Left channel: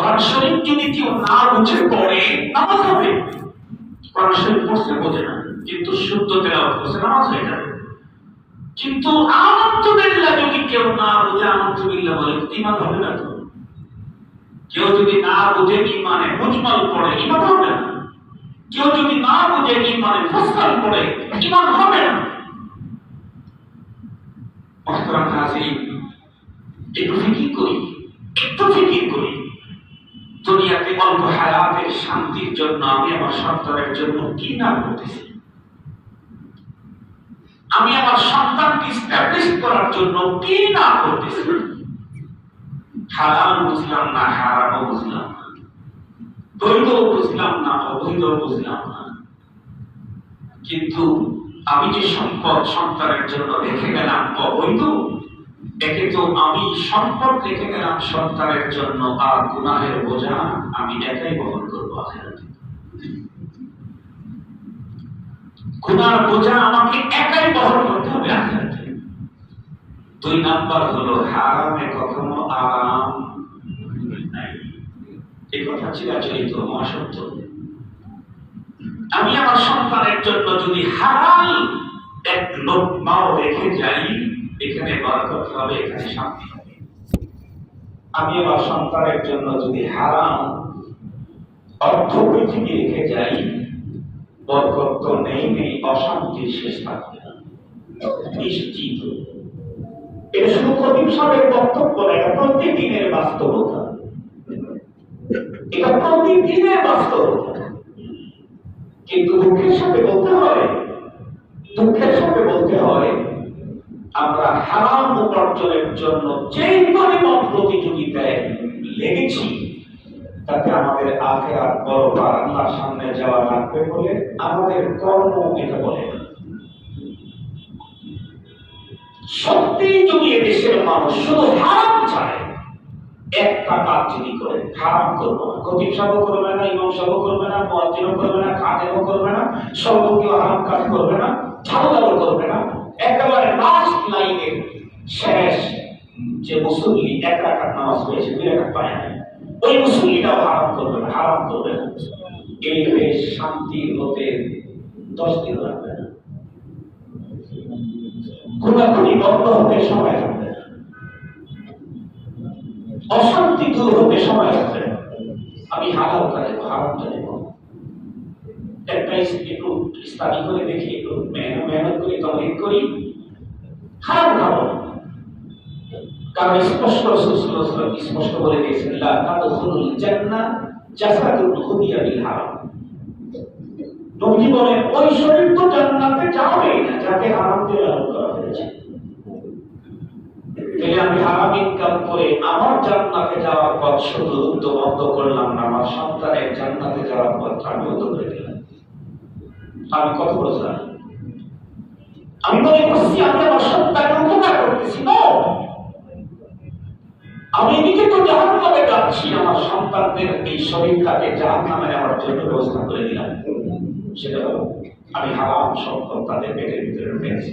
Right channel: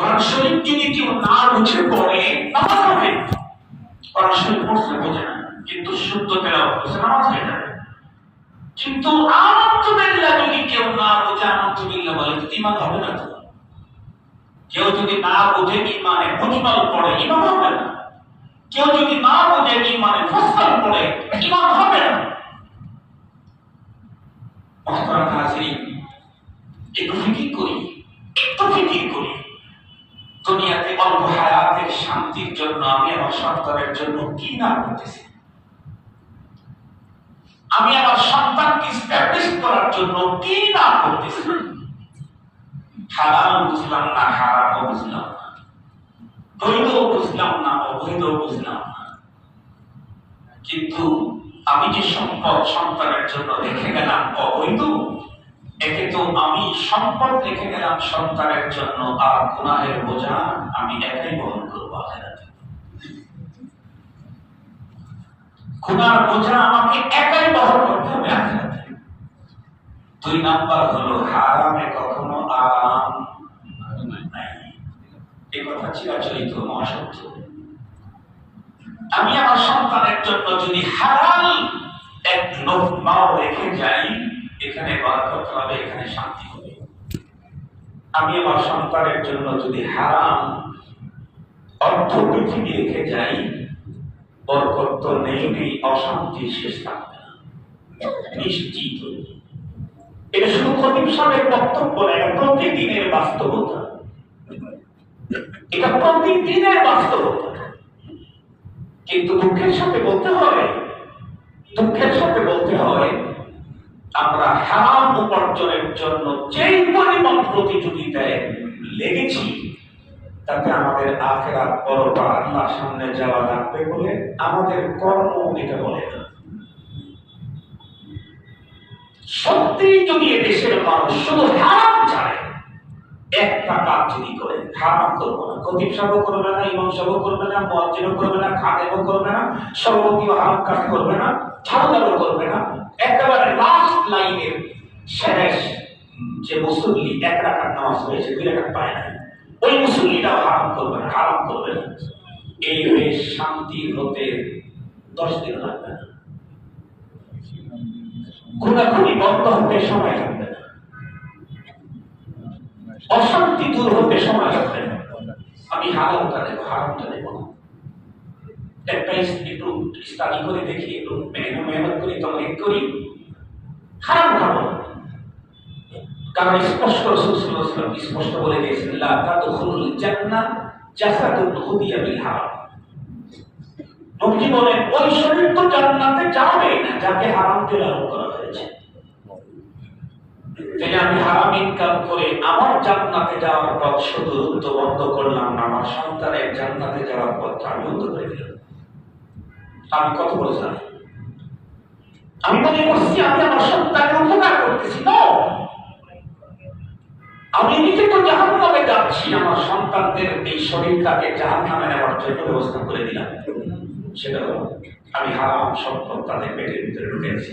কোরআন যদি কেউ না বুঝে পড়ে, নামাজ হবে কোরআন শরীফ বোঝে না। কিন্তু শুদ্ধ তেলাওয়াত করছে, নামাজ হয়ে যাবে। কিন্তু আলহামদুলিল্লাহ যদি কেউ না বুঝে, আলহামদুলিল্লাহ বলে ইমান হবে না তো? কেউ যদি না বুঝে ইমানে মুজমাল পড়ে ইমান হবে না। কেউ যদি না বুঝে ইমানে ফসল পড়ে ইমান হবে না। মহতরাম হাসিন একটু ফিকির করি একটু ফিকির করি। দুনিয়াতে অল্প হায়াতের শান্তির জন্য আমি আমার সন্তানের জন্য কি না করতেছি? আমি আমার সন্তানকে স্ট্যাবলিশ করার জন্য কি না করতেছি? হালাল বুঝলাম না, হারামও বুঝলাম না। বৈধ বুঝলাম না অবৈধ বুঝলাম না। কিন্তু আমি যে সম্পদ সন্তানের জন্য রেখে গেলাম অবৈধ একে তো আমি সম্পদ রেখে গেলাম সন্তানের জন্য, আর গুনাহের বোঝা আমি একাই বহন করব গুনার বোঝা আমাকে একাই বহন করতে হবে আখেরাতে। দুই নাম্বার হলো, হারামে কখনো আরাম নাই। এই কথা চিরাচরিত, অসত্য। আমি আমার সন্তানের জন্য যদি হারাল এক লোকমাও রেখে যাই এখানে বরকত হবে এখানে শান্তি হবে। আমি আমার সন্তানের জন্য যদি হারাম অর্থ পৃথিবী রেখে যাই বরকত তো নেই নেই অশান্তি শেষ থাকবে না। নিশ্চিত। এটা শুধু খতিব সাহেবের বক্তব্য না, এটা প্রতিদিনের বাস্তবতা। এটা প্রতিদিনের বাস্তবতা। কিন্তু দুঃখের সাথে বলতে হয় দুঃখের সাথে বলতে হয় আমরা হারাম উপার্জনের জন্য যেই পরিমাণ প্রতিযোগিতায় লেগেছি, তাতে আমাদের আখেরাত বড় আল্লাহর সামনে যাওয়া লাগবে বলে আমাদের কর্ম এটা বলে। না সত্যি যদি এদেশের মানুষ শুধু হারাম চায় একটা কাজ যদি করে, হারাম করব না। খতিব সাহেব করবে না, ইমাম সাহেব করবে না, মুয়াজ্জিনও করবে না, খাদেমও করবে না সভাপতিও হারাম কাজ করবে না ঝাড়ুদারও করবে না একেবারে লাস্ট লাইনের শেষ যে মুসল্লি এক রাকাত নামাজ হয়েছে দুই রাকাত পায় নাই। ওই মুসল্লিটাও হারাম করবে না, হারাম করবে না। এই দেশ শান্তি হতে দশ দিন লাগবে না। বন্ধ হতে সময় লাগবে না। অশান্তি দূর হতে সময় লাগবে না। আমি হারামটা নেব হারামটা একটা স্টাডি করে দেখি, একটু মেহনত মেহনত করি তমলিক করি। হারাম খাব না। কারণ স্পষ্ট রাসূল সাল্লাল্লাহু আলাইহি ওয়াসাল্লাম স্পষ্ট বলে দিয়েছেন নবী বলেন, ওই শরীর তো জান্নাতে যাবেই না, যাকে হারাম লালন করা হয়েছে। তাই আমি হারাম ইনকাম করে আমার জান্নাতে যাওয়ার পথ শুধু রুদ্ধ বন্ধ করলাম না, আমার সন্তানের জান্নাতে যাওয়ার পথ আমি বন্ধ করে দিলাম। আমি কত বড় জানি আমি মনে করছি আমি আমার সন্তানের উপকার করতেছি, না! আমি নিজে তো জাহান নামে যাচ্ছি। আমার সন্তানদের এই শরীরটাকে জাহান নামে নেওয়ার জন্য ব্যবস্থা করে দিলাম। সেটা হলো, আমি হারাম সম্পদ তাদের পেটের ভিতরে ঢুকেছি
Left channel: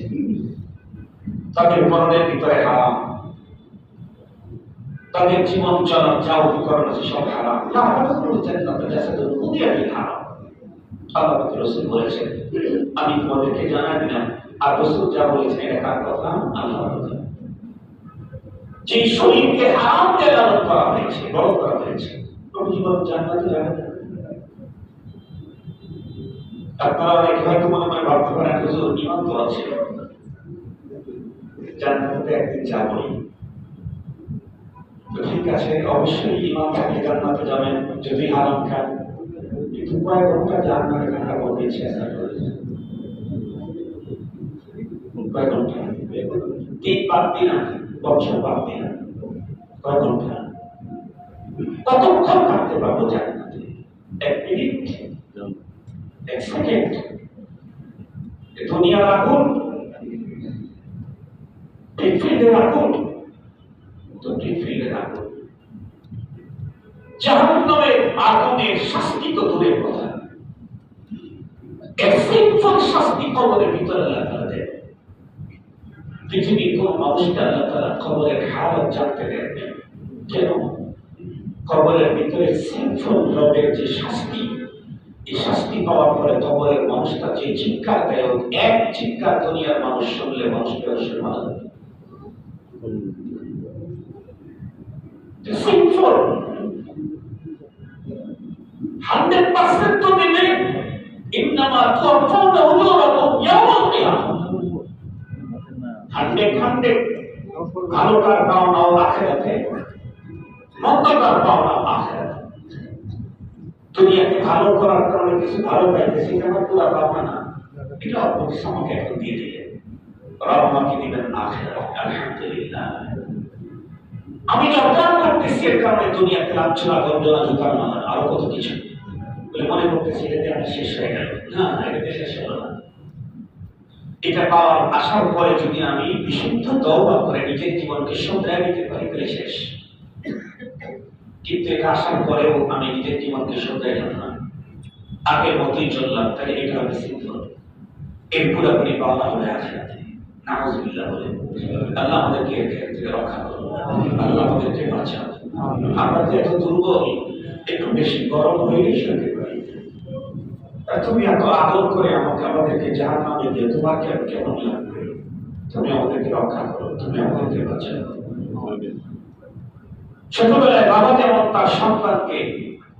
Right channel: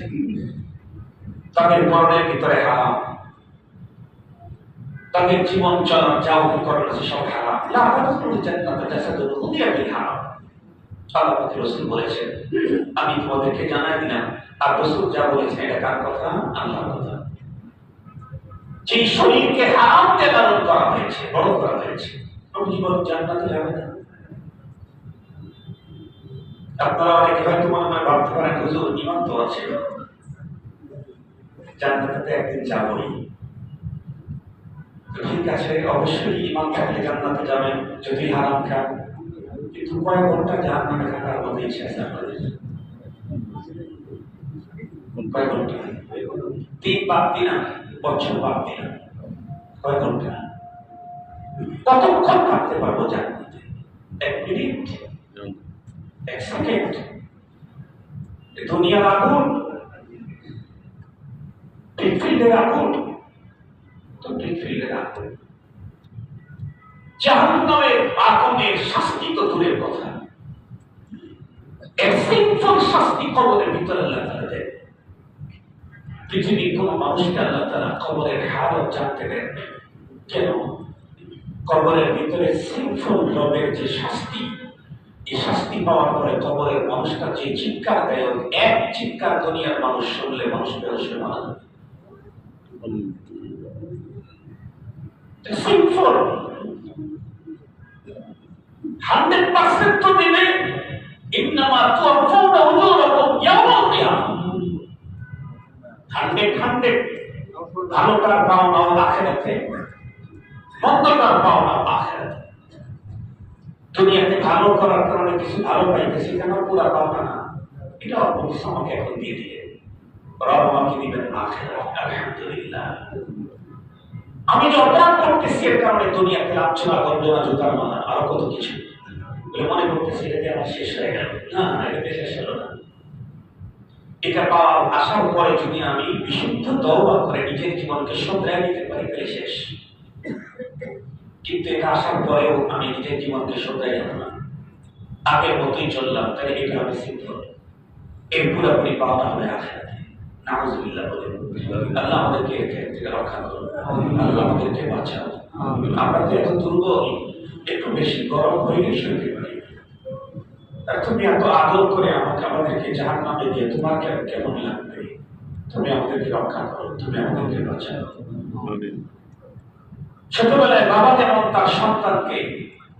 তাদের মরণের ভিতরে হারাম। তাদের জীবন চলার যা অধিকরণ আছে সব হারাম। না হারাম। আল্লাহ রাসূল বলেছেন, আমি তোমাদেরকে জানাই দিলাম। আর রাসূল যা বলেছেন, এটা কার কথা? আল্লাহর কথা। যে শরীরকে হারাম লালন করা হয়েছে বড় করা হয়েছে। যাবে না অনেকে হয়তো মনে মনে ভাবতে পারেন হুজুর তো আছে। জান্নাতে একদিন যাবই। ঠিক আছে, অবশ্যই ইমান থাকলে জান্নাতে যাবেন, যদি হারাম খান। কিন্তু কয়েক ঘণ্টা জান্নাতে থাকার মতো ইচ্ছে আছে আপনাদের। কয়েক ঘণ্টা। দিন বাদ দিন বছর বাদ না। কয়েক ঘণ্টা কতক্ষণ থাকতে পারব জান্নাতে এক মিনিট, এক সেকেন্ড। দুনিয়ার আগুন পৃথিবীর আগুন তো আগুন জাহান্নামের আগুনের শাস্তি তো দূরের কথা। এক শাস্তি কবরের ভিতরে দেন পৃথিবীর কোন মানুষকে আল্লাহ তাআলা কবরের হালত জানতে দেন কেন? কবরের ভিতরে সিম্পল রবের যে শাস্তি, এই শাস্তি পাওয়ার পরে কবরের মানুষটা যে চিৎকার দেয় এক চিৎকার দুনিয়ার মানুষ শুনলে মানুষ বেহসে মারা যাবে। সিম্পল হান্ড্রেড পার্সেন্ট তো দিবে ইন্নামা তুয়াফাউনা উজুরাকুম ইয়াওমাল কিয়ামাহ হান্ড্রেড হান্ড্রেড ভালোটার পাওনা আখেরাতে মন্দটার পাওনা আখেরাতে দুনিয়াতে ভালো করার কারণে কিছু ভালো পাইতেছি কেন পুরা না। এটা অল্প কিছু আমাকে এখন দিয়ে দিলে রব আমাকে দিবেন আখেরাত, আলহামদুলিল্লাহ। আমি যে অপরাধ করতেছি, এর কারণে দুনিয়াতে লাঞ্ছনা গঞ্জনা জোতার মানা আরও কত কিছু। বলে মনে করতেছি এটাতে আমার শেষ হয়ে গেল? না এটাতে শেষ হলো না। এটা পাওয়ার আসার পরে যদি আমি বিশুদ্ধ দৌড়া করে নিজের জীবনকে শুধরাই নিতে পারি, তাহলে শেষ। কিন্তু এটা আসার পরেও আমি নিজের জীবনকে শুধরাই নিলাম না। আগের মতোই চললাম, তাহলে এটা হবে সিম্পল এর পুরোপুরি পাওয়া হবে আখেরাতে। নাউজুবিল্লাহ বলে আল্লাহ আমাদেরকে এর থেকে রক্ষা করুন। আল্লাহ আমাদেরকে বাঁচাও আমরা তো এত দুর্বল, একটু বেশি গরম পারি আর তুমি এত আদর করে আমাকে আমাদেরকে জাহান নামে দিয়ে তোমার কেমন কেমন লাগবে? তুমি আমাদেরকে রক্ষা করো তুমি আমাদেরকে বাঁচাও। ছোটবেলায় বাবা যেমন তার সন্তানকে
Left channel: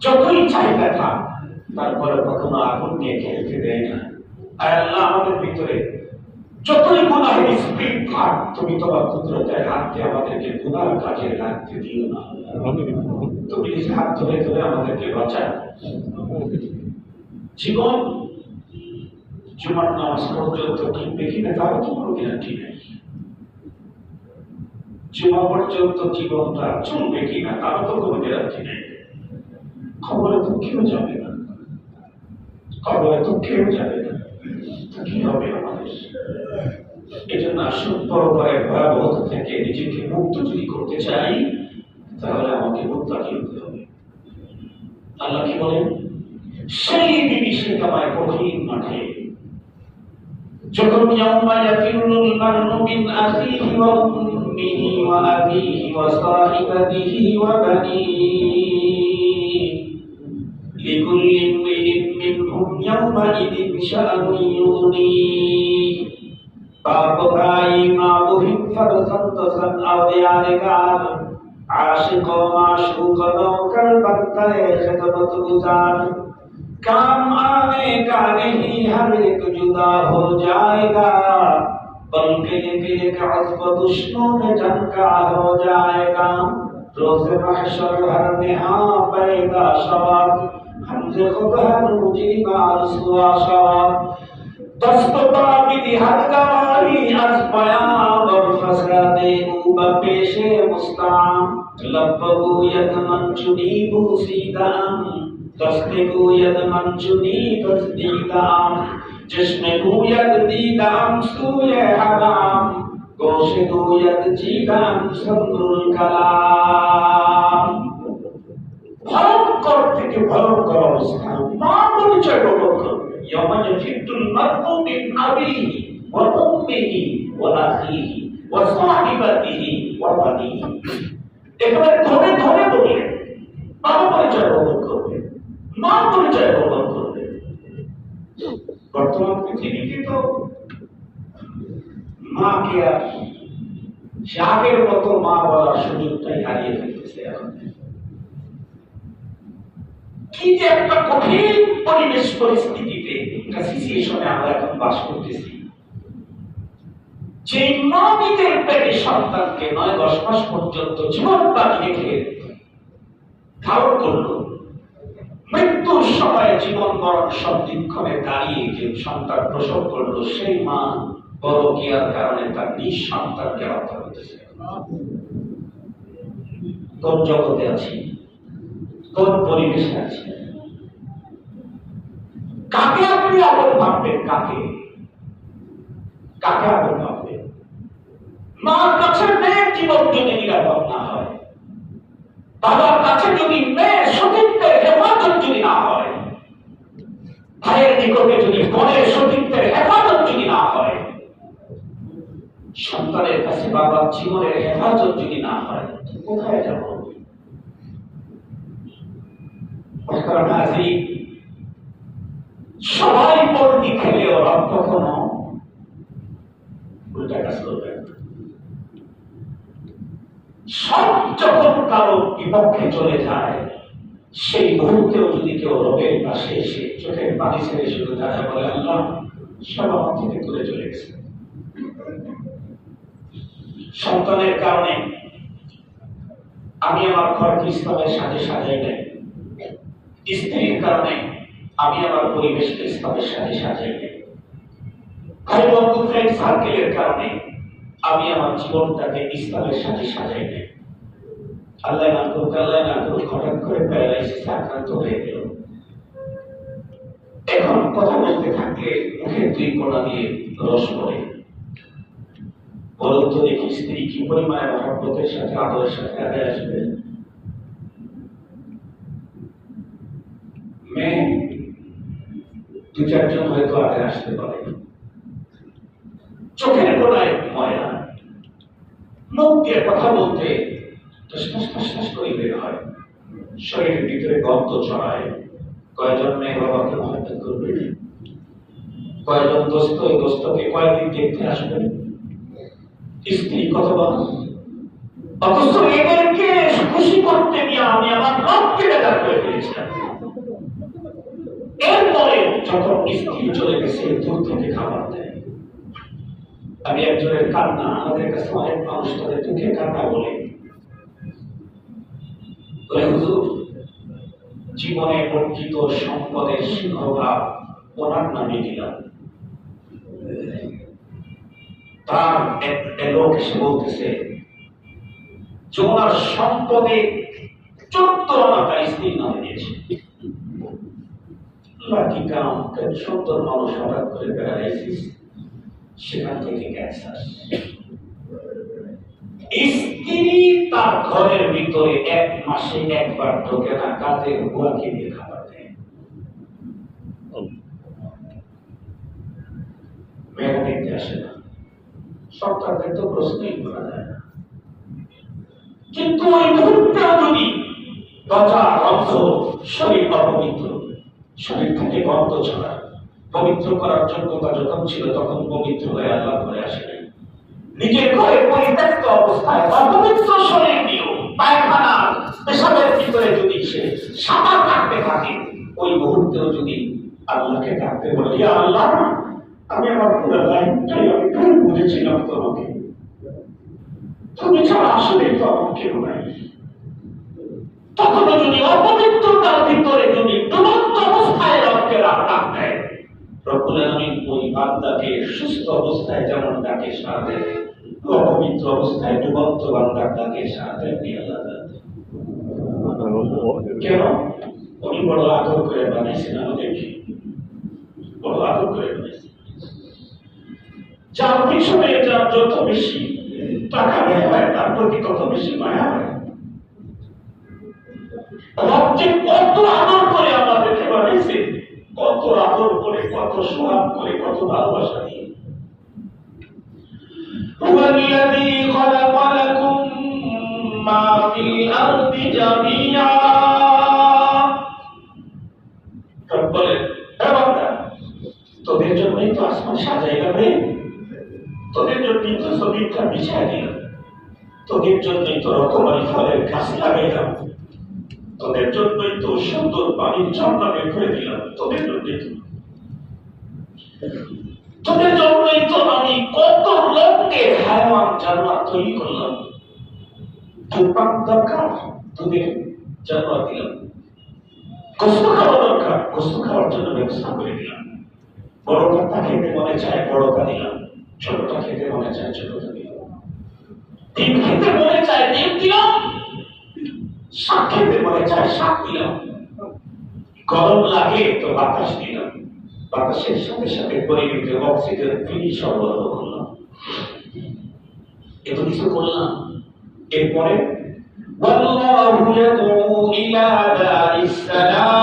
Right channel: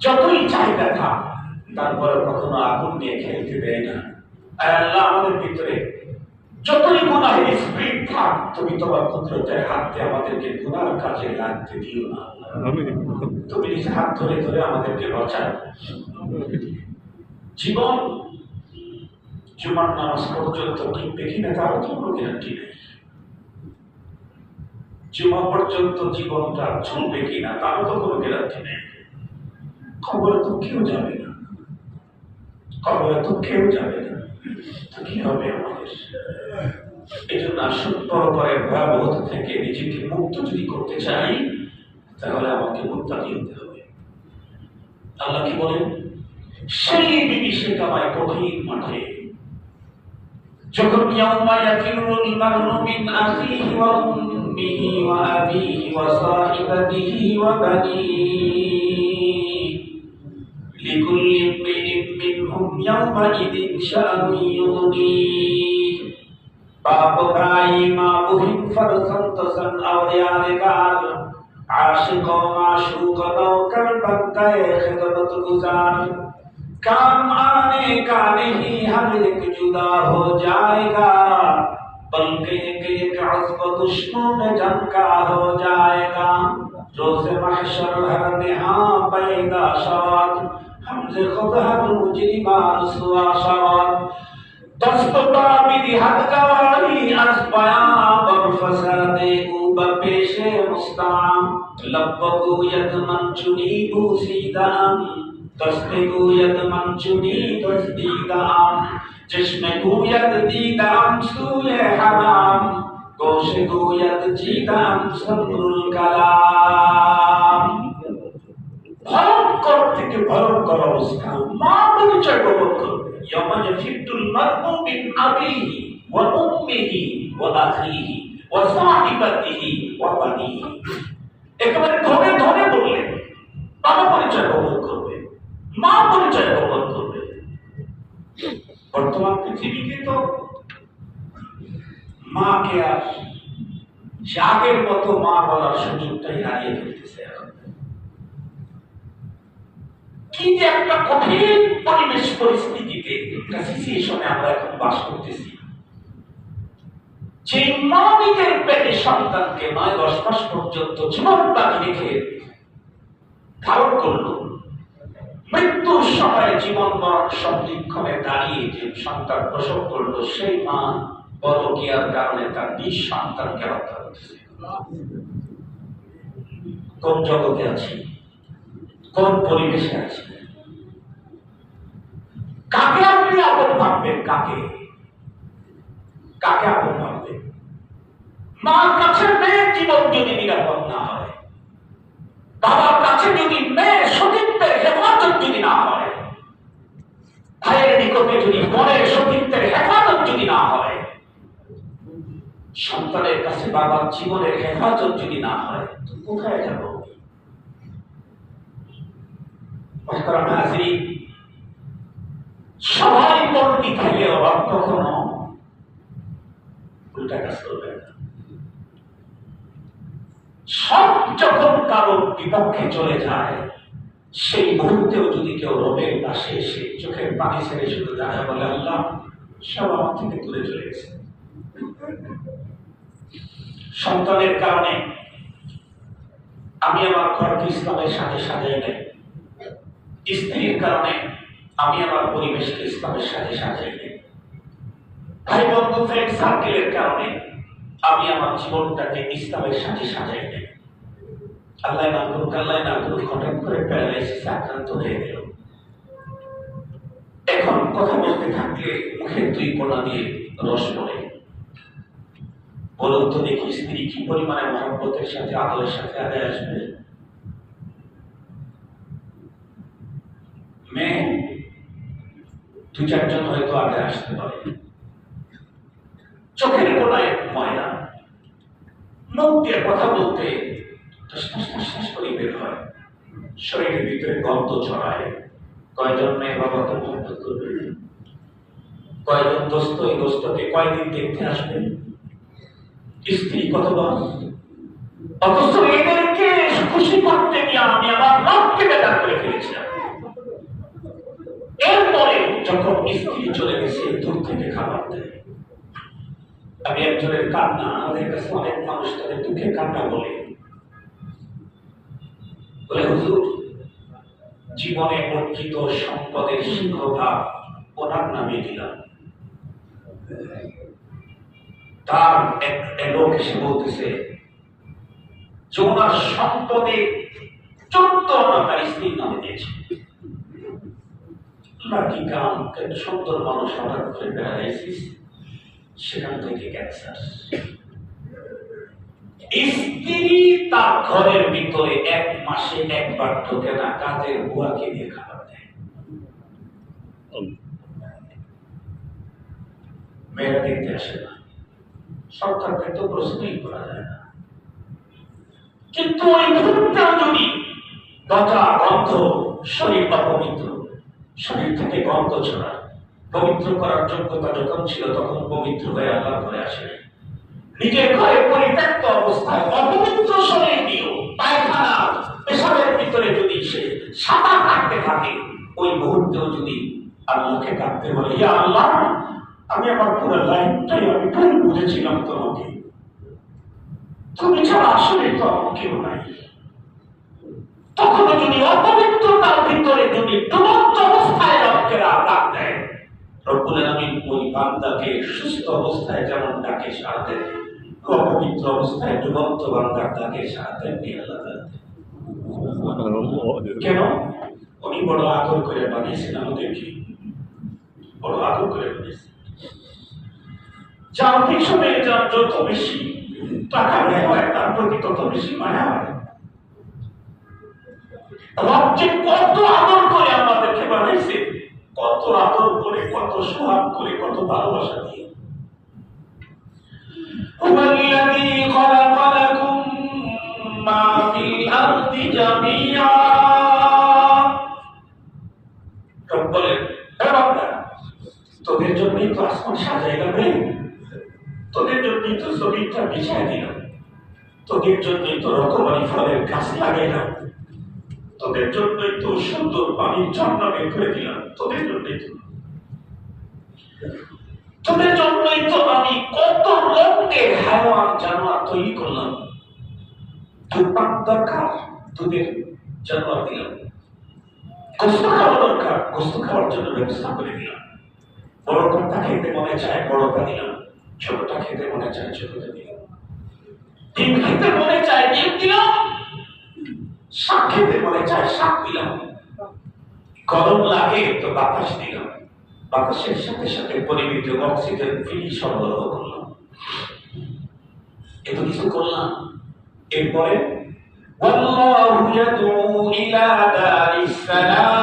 যতই চাহিদা থাক তারপরে কখনো আগুন নিয়ে খেলতে দেয় না। আর আল্লাহ আমাদের ভিতরে যতই গুনাহের স্পিড থাক তুমি তোমার কুদরতের হাত দিয়ে আমাদেরকে গুনার কাজে লাগতে দিও না। তুমি নিজ হাত ধরে ধরে আমাদেরকে বাঁচাও। জীবন, জুমার নামাজ পর্যন্ত টিকবে কিনা তারও তো কোনো গ্যারান্টি নেই। জুমা পর্যন্ত জীবনটা চলবে কিনা তারও তো কোনো গ্যারান্টি নেই। খবরে তো কেউ যাবে না। খবরে তো কেউ যাবে না। তো কি হবে আমাদের? এই জন্য আসল পরপরের ভয়াবহতা থেকে নিজেকে মুক্ত যদি করতে চাই, তাহলে আমাকে মুক্তাকি হতে হবে। আল্লাহ কি বলেন? সেই নিমিষে তোমায় কঠিন মাঠে। যখন ইয়াউমা ইয়াফিরুল মাগনু মিন আখিহি ওয়া উম্মিহি ওয়া আবিহি ওয়া সাহিবাতিহি ওয়া বানিহি, লিকুল্লি ইমরি'in মিনহুম ইয়াউমা ইদিন শা'নু ইউগনিহি বাপ ভাই মা বহিন ফরসন তসন আওরিয়ারে কাল আশিক মাশুক নৌকার বান্দায়ে খেদমত গুজার। کام آنے کا نہیں، ہر ایک جدا ہو جائے گا۔ بلکہ ایک ایک عصب دشنوں میں جھنکا ہو جائے گا۔ روز محشر ہر نہاں پیدا شواد، ہم سے خود ہر مجری بار سوا شواد۔ دست دی حد کاری از بیان اور فساد اوبا پیش مستعام لبگو ید من چنیبو سیدان دست گوید من چنی دزدیدم چشم گوید دیدم سوی حرام گوش گوید چیدم صبر کلام ভয়ঙ্কর থেকে ভয়ঙ্কর অবস্থা মা পরিচয় বহন করবে يوم يفد المرء من أبيه وأمه وأخيه وصاحبته وبنيه একেবারে ধরে ধরে বললেন বাবা পরিচয় বহন করবে মা পরিচয় বহন করবে। বর্তমান পৃথিবীতে তো আর মতো মা বলার সুযোগটাই হারিয়ে ফেলতেছে এখন। কি যে একটা কঠিন পরিবেশ পরিস্থিতিতে একটা সিচুয়েশনে আমরা এখন বাস করতেছি। যে মা পেটে সন্তানকে নয়, দশ মাস পর্যন্ত জীবন বাকি রেখে ধারণ করল মৃত্যুর সময় জীবন মরণ সন্ধিক্ষণে দাঁড়িয়ে যে সন্তান প্রসব করল, সেই মা বড় গিয়ার কারণে তার নিজ সন্তানকে হত্যা করতেছে। কোন জগতে আছি? কোন পরিবেশে আছে? কাকে আপনি আপন ভাববেন? কাকে? কাকে আপন ভাববেন? মার কাছে মেয়ের জীবন যদি নিরাপদ না হয় বাবার কাছে যদি মেয়ের সতীত্বের হেফাজত যদি না হয়, ভাইয়ের নিকটে যদি বোনের সতীত্বের হেফাজত যদি না হয়, সন্তানের কাছে বাবার জীবনের হেফাজত যদি না হয়, কোথায় যাব সবাই পল্টি খেলেও রব কখনো উল্টা কাজ করবে সব যখন কারও বিপক্ষে চলে যায়, সেই মুহূর্তেও যদি কেউ রবের পাশে এসে চোখের পানি ছেড়ে শুধু দাঁড়ায় বলে, আল্লাহ, সব আমার থেকে দূরে চলে গেছে। সন্তানের কারণে আমি আমার ঘরকে ইসলামের সাথে সাজাই নেই। স্ত্রীর কারণে আমি আমার পরিবেশকে ইসলামের সাথে সাজাই নেই। ভাই বন্ধু ফ্রেন্ড সার্কেলের কারণে আমি আমার জীবনটাকে ইসলামের সাথে সাজাই নাই। আল্লাহ না করুক, আল্লাহ না করুক, হঠাৎ করে প্যারালাইসিস আক্রান্ত হয়ে গেল। এখন কথা বলতে থাকলে মুখের দুই কোনা দিয়ে রস পড়ে। বলুন তো দেখি স্ত্রী কি পরিমাণে মহাব্বতের সাথে, আদরের সাথে আগে আসবে? মেয়ে দু চারজন হয়তো আগে আসতে পারে। চোখের কোনায় মুখ কথা বলতে করে বের হয়। শরীরের ভিতরে গন্ধ ছড়ায়। কয়জন মেয়ে বাবাকে করবে? কয়জন দোস্ত এই দোস্তকে কয়দিন দেখতে আসবে? স্ত্রী কতবার অথচ এদেরকে খুশি করতে গিয়ে আমি আমার রবকে বেদার করে ফেলেছিলাম। এরপরে যখন স্ত্রী চলে গেছে দূর থেকে খাবার দেয়। আমি একজনের কান্না আমাদের কাছে অনেক মানুষ তাদের দুঃখে কান্না বলে। জীবনে অর্জিত সম্পদের সিংহভাগ ওনার নামে দিলাম। তার লোক এসে বলতেছে যে ওনার সম্পদে চোদ্দ আনা তার স্ত্রীর নামে দিয়েছে। লাকি কাম সত্তর মানুষ হঠাৎ করে প্যারালাইসিস সেখান থেকে ক্যান্সার স্ত্রী তার ঘরের ভিতরে এক মাসে একবার ঢোকে না কাজের বুয়াকে দিয়ে খাবার দেয়। মেয়েরা দেখতে আসে না। সরকারকে তো প্রশ্নই করা যায় না। কিন্তু ওই মুহূর্তে যদি শরীর অপবিত্র, শরীর থেকে গন্ধ ছড়া পবিত্র করার যোগ্যতা যখন ছিল, তখন পবিত্র হয়ে আল্লাহ ঘরে আসে নিজের ঘরে পরিত্যক্ত অবস্থায় অপবিত্র শরীর নিয়েও পায়খানা পেশাবের ভিতরে যদি সে সাঁতার কাটতে থাকে, ওই মুহূর্তেও যদি আল্লাহকে কাটতে বলে, ইয়া আল্লাহ, আমি আমার পুরো লাইফটাই, আমি ভুল বুঝেছিলাম তোমাকে। তুমি ছাড়া আসলে তো আমার কেউ নাই। তখনও যদি অপবিত্রতার ভিতরে যদি ডুবন্ত অবস্থায় রবকে ডাক দেয় রব্বুল আলামিন ওই বান্দাকে সুস্থ অবস্থায় যেমন ডাকে সাড়া দেয় অপবিত্র অবস্থায় ডুবন্ত সাড়া দেন নি আল্লাহ কেন? উনি বড় আদর করে বানিয়েছেন আমাদেরকে। বড় আদর করে বানিয়েছেন। যার পিছনে যার যত বেশি টাকা ব্যয় হয়, তার প্রতি তত বেশি মায়া হয়। রবকে কত আদর করে আমাদেরকে বানাইছে কত আদর করে কত সোহাগ করে কত ভালোবাসা দিয়ে هو الذي خلق لكم ما في الأرض جميعا রব বলেন, "হে বান্দা, তোদের জন্যই তো আসমান সাজাইলাম রে তোদের জন্যই তো জমিটা বিছাই দিলাম তোদের জন্যই তো রকমারি ফলের গাছ লাগাইলাম তোদের জন্যই তো সুন্দর পানির ঝর্ণা বের করে দিলাম। তোদের জন্যই তো। তোদের জন্যই তো আমি কত লোককে হায়াওয়ান জানোয়ার তৈরি করলাম। দরকার, তোদের জানোয়ার দিলাম। গোস্ত খাওয়া দরকার, গোস্ত খাওয়ার জন্য ব্যবস্থা করে দিলাম। বড়টা খেতে মনে চায় বড়টা দিলাম। ছোটটা খেতে মনে চায় ছোটটা দিলাম। ডিম খেতে মনে চায়, ডিম দিলাম। শাক খেতে মনে চায় শাক দিলাম গরম লাগে তো বাতাস দিলাম বাতাসের সাথে সাথে পরিমিত অক্সিজেন ফ্রি সরবরাহ করলাম এত কিছু করলাম এরপরে والله يدعو إلى دار السلام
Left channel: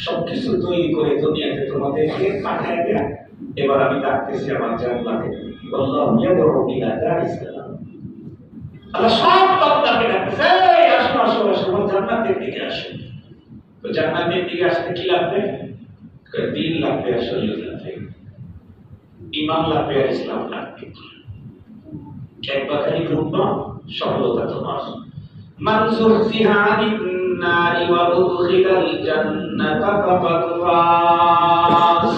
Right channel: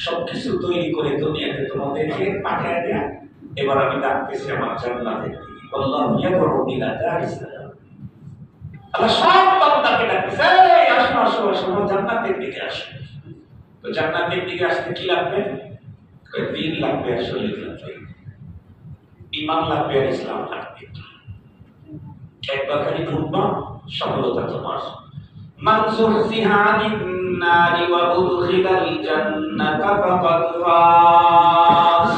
সবকিছু তৈরি করে দুনিয়াতে তোমাদেরকে পাঠিয়ে দেয়া এবার আমি ডাকতেছি আমার জান্নাতে আল্লাহ ইয়াদউ ইলা দারিস সালাম আল্লাহ সব বান্দাকে ডাকতেছে এই, আসো আসো আসো জান্নাতের দিকে আসতে কি লাগবে? দিন লাগবে আর শরীর লাগবে। ইমান লাগবে আর ইসলাম লাগবে। একবার খালি ঢুকবা, সফলতা তোমার। মানসুর সিহানিন নারি ওয়া উদখিলাল জান্নাতা ফাকাদ ফাজ।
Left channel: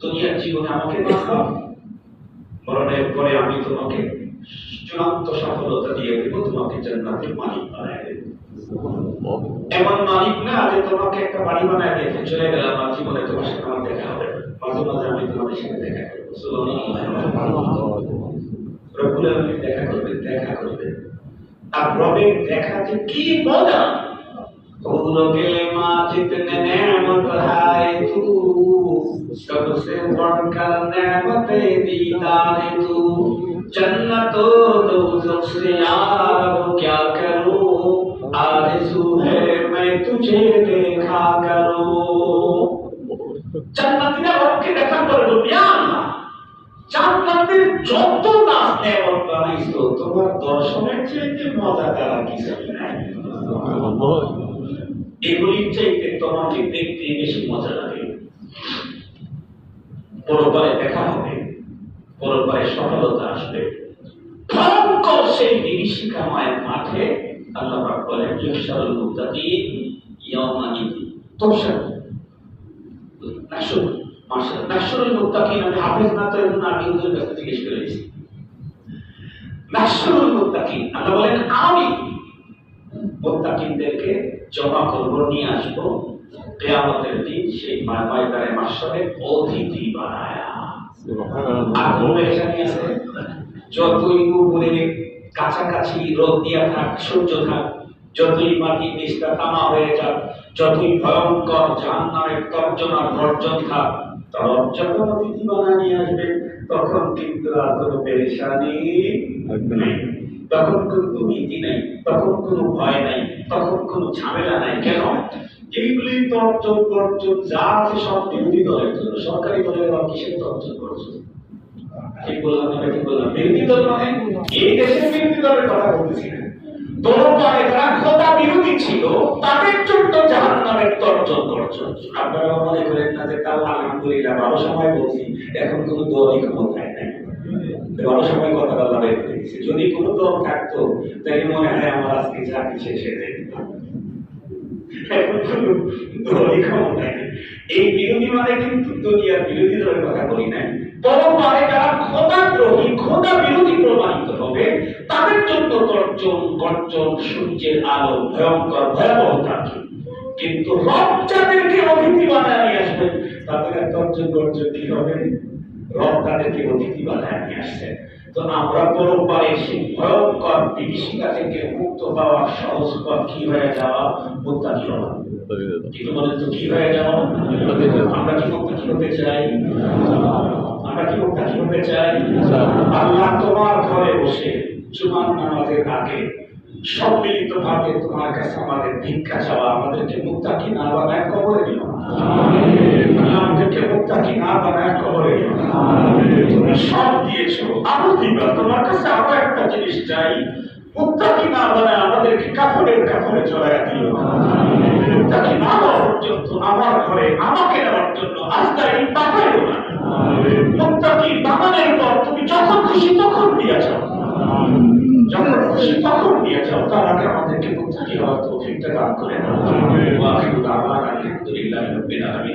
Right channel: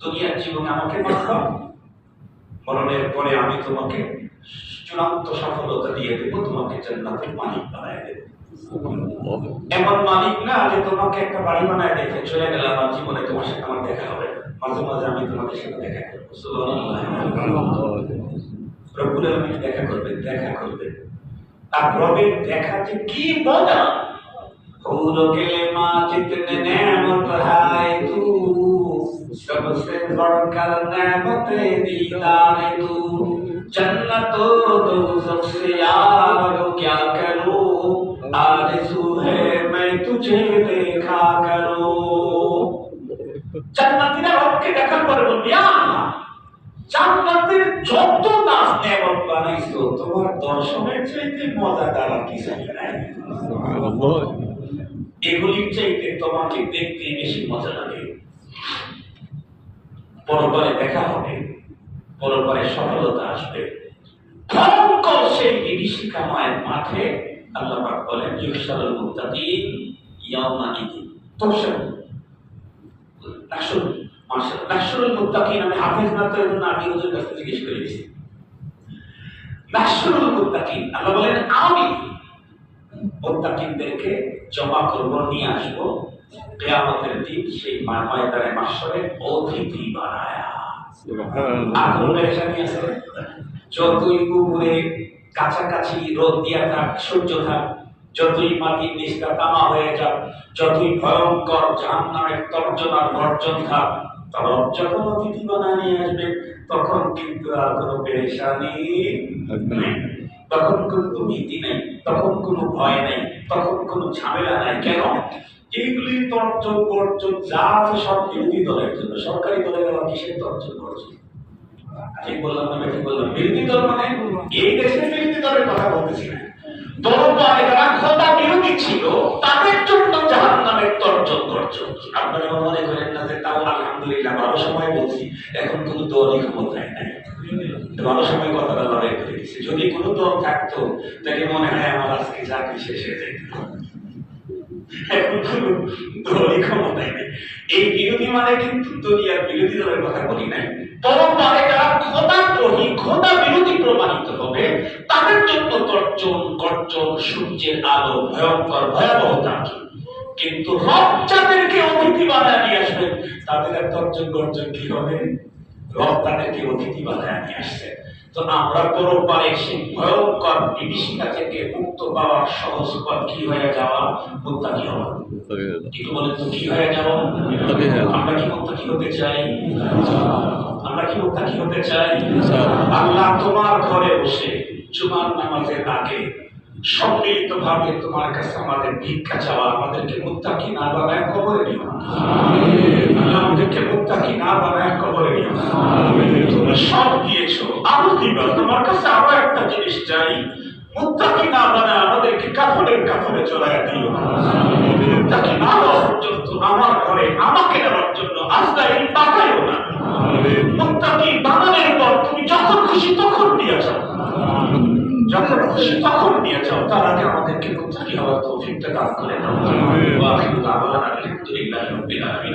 দুনিয়ার জীবনে আমাকে দেখো মরণের পরে আমি তোমাকে চূড়ান্ত সফলতা দিয়ে দেবো তোমাকে জান্নাতের মালিক বানায় দেবো এমন মালিক না যে তোমাকে একটা বাড়ি বানায় দেখে চলে গেলাম আমার জীবনে তোমার সাথে আমার দেখা হবে না। মাঝে মাঝে আমি তোমাদের সাথে দেখা করবো সুবহানাল্লাহ। রব্বুল আলামিন দেখা করবেন দেখা করবেন আর রবের দেখা যে কি মজা हुरों के माँ जितने नेमत है तू सबसे बढ़कर नेमत दीदार तू जन्नत दो सबसे यार क्या करूं आरज़ू है मैं तुझे देखा करूं জান্নাতীরা রবকে দেখার পরে বলবি আল্লাহ জান্নাতের যত নাচ নেমত বানাইছো তোমার দর্শনের চাইতে মজাদার আর কিছু নাই এগুলির চাইতে তোমাকে দেখতে বেশি মজা লাগে পরপরে দেখা হবে পরপরে সফলতা আসবে। ভয়ঙ্কর সেই বিভীষিকাময় মাঠে আল্লাহ পাক বলেন ইউসারুল মাশা নাসুরুল মুত্তাকিন, আমি আমি কাছে জিজ্ঞেস আল্লাহ বলেন, আমি মুত্তাকিনদেরকে জমা করব, নিয়ে আসব। কিয়ামতের দিন সেই ময়দানে মাশরে অতিথি বানায়া যতই উপরে কাছাকাছি রোদ দিয়া থাক সূর্য থাক যতই মাটির নিচটা তামা হয়ে যাক যতই ভয়ঙ্কর জাহান নামের তর্জনার গর্জন থাক তার যখন অতিথি বানায় নিয়ে আসবে তখন কিন্তু আর কোনো পেরেশানি নেই তখন কোনো ভীতি নেই তখন কোনো ভয় নেই, তখন কোনো ঝামেলা নাই, কেন? এইগুলি তর্জন যা আছে সব বিরোধী দলের জন্য, সরকারি দলের আবার কিসের তর্জন ঠিক বললাম না ঠিক বললাম বিরোধী দল মানে এই বিরোধী দলের কথা বলতেছি। তর্জন আপনারা মনে করেন না যে তাও বলছি, এখন কোনো নাই। কথাটা যদি কোনো দল থাকতো, তাহলে মনে হয় আমার আজকে চাকরি শেষ হয়ে যেত। কিন্তু জন্য গর্জন সূর্যের আলো ভয়ঙ্কর ভয়াবহতা কিন্তু রব যাদেরকে অতিথি বানায় নিয়ে আসবেন তাদের আর তর্জন গর্জন কি হবে রব তাদেরকে অতিথি বানায় নিয়ে আসছে। তো আমরা পরপারে সেই ভয়ঙ্কর বিভীষিকা থেকে মুক্ত পাওয়ার সহজ পথ কি হয়ে যাওয়া হওয়া। কিন্তু বলেন তো কি হয়ে যাওয়া। আমরা কি হতে চাই? আমরা কি হতে চাই। আল্লাহ তোমার ঘরে বসে জুমার নামাজের আগে সম্মিলিত ভাবে তোমার কাছে আমাদের ভিক্ষা চাওয়া আমাদেরকে মুত্তাকি না বানায় কবরে নিও আমাদেরকে মুত্তাকি না বানায় কবরে সব দিয়েছ। আরও দিবা তোমার কাছে আরও একটা জিনিস চাই? মুত্তাকি না বানায় আমাদেরকে কাফনের কাফনে চড়ায় দিও। না না হওয়া পর্যন্ত আমার ঘরে আমাকে নেওয়ার জন্য আজদাইল পাঠাইও না। মুত্তাকি বানানোর পর তুমি যখন খুশি তখন দিয়ে যাও যখন খুশি তখন দিয়ে যাও তার আগে আমাদেরকে মুত্তাকি হওয়ার তৌফিকটা দান করে দাও ওয়া আখিরু দাওয়ানা আলহামদুলিল্লাহি রাব্বিল আলামিন